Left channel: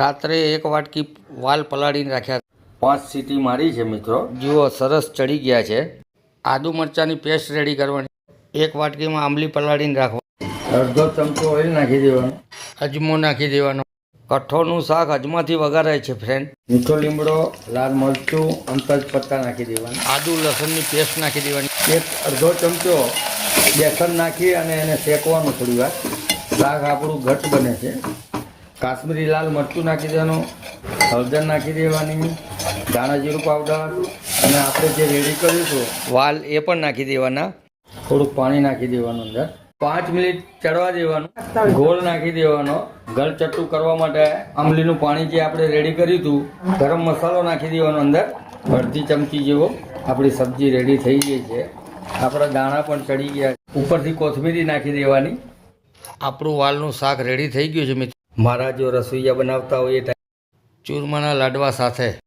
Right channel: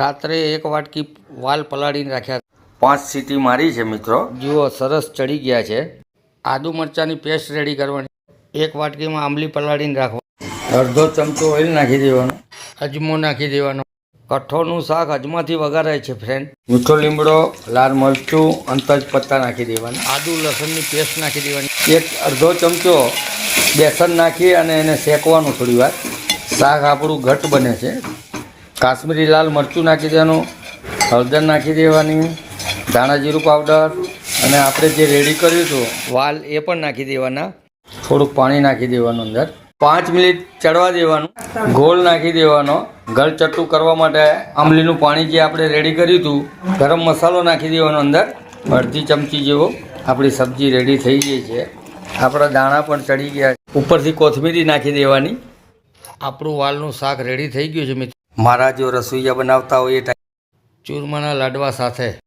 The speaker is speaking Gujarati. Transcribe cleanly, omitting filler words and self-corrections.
રાત્રે 1 વાટકી વાલ પલાળીને રાખ્યા, 5 સીટી મારી છે મિત્રો. જુઓ સરસ ચડી ગયા છે. આદુ મરચાંની પેસ્ટ રેડી કરવાની. 1 વાટકીમાં આંબલી પલાળીને રાખવાની. અડધો ચમચો ઓઇલ નાખી દેવાનો. અજમો નાખી દેવાનો. કઠોળનું શાક અજમાથી વઘારાય છે ફ્રેન્ડ. મીઠો લીમડો, લાલ મરચું અને તેજપત્તા નાખી દેવાની. આદુ લસણની પેસ્ટ નાખી દેવાની. અડધો ચમચો બેસન નાખી અને એને શેકવાનું થોડી વાર. શાક આપણું ઘટ બને છે. કાશ્મીરી લાલ મરચું નાખી દેવાનું. હળદર નાખી દેવાની. ધાણા જીરું પાવડર અને આપણે જે રેડી કર્યું હતું વાલ એ પણ નાખી દેવાના. થોડુંક પાણી નાખી દેવાનું અંદર. 5 મિનિટ ચડવા દેવાનું. ગોળ નાખી દેવાનો. ગળ ચટ્ટું કરવા માટે આંબલીનું પાણી જે આપણે રેડી કર્યું હતું, ગરમ મસાલો નાખી દેવાનો અંદર. અડધી ચમચી જેવો. આપણી સબ્જી રેડી થઈ ગઈ છે. આપણા દાણા પણ ચડી ગયા. ઉપરથી કોથમીરી નાખી દેવાની. આપણું વાલનું શાક રેડી થઈ ગયું છે મિત્રો. મારા જો રસોઈયા બનાવતા હોય એ ચૂરમાના લાડવા સાથે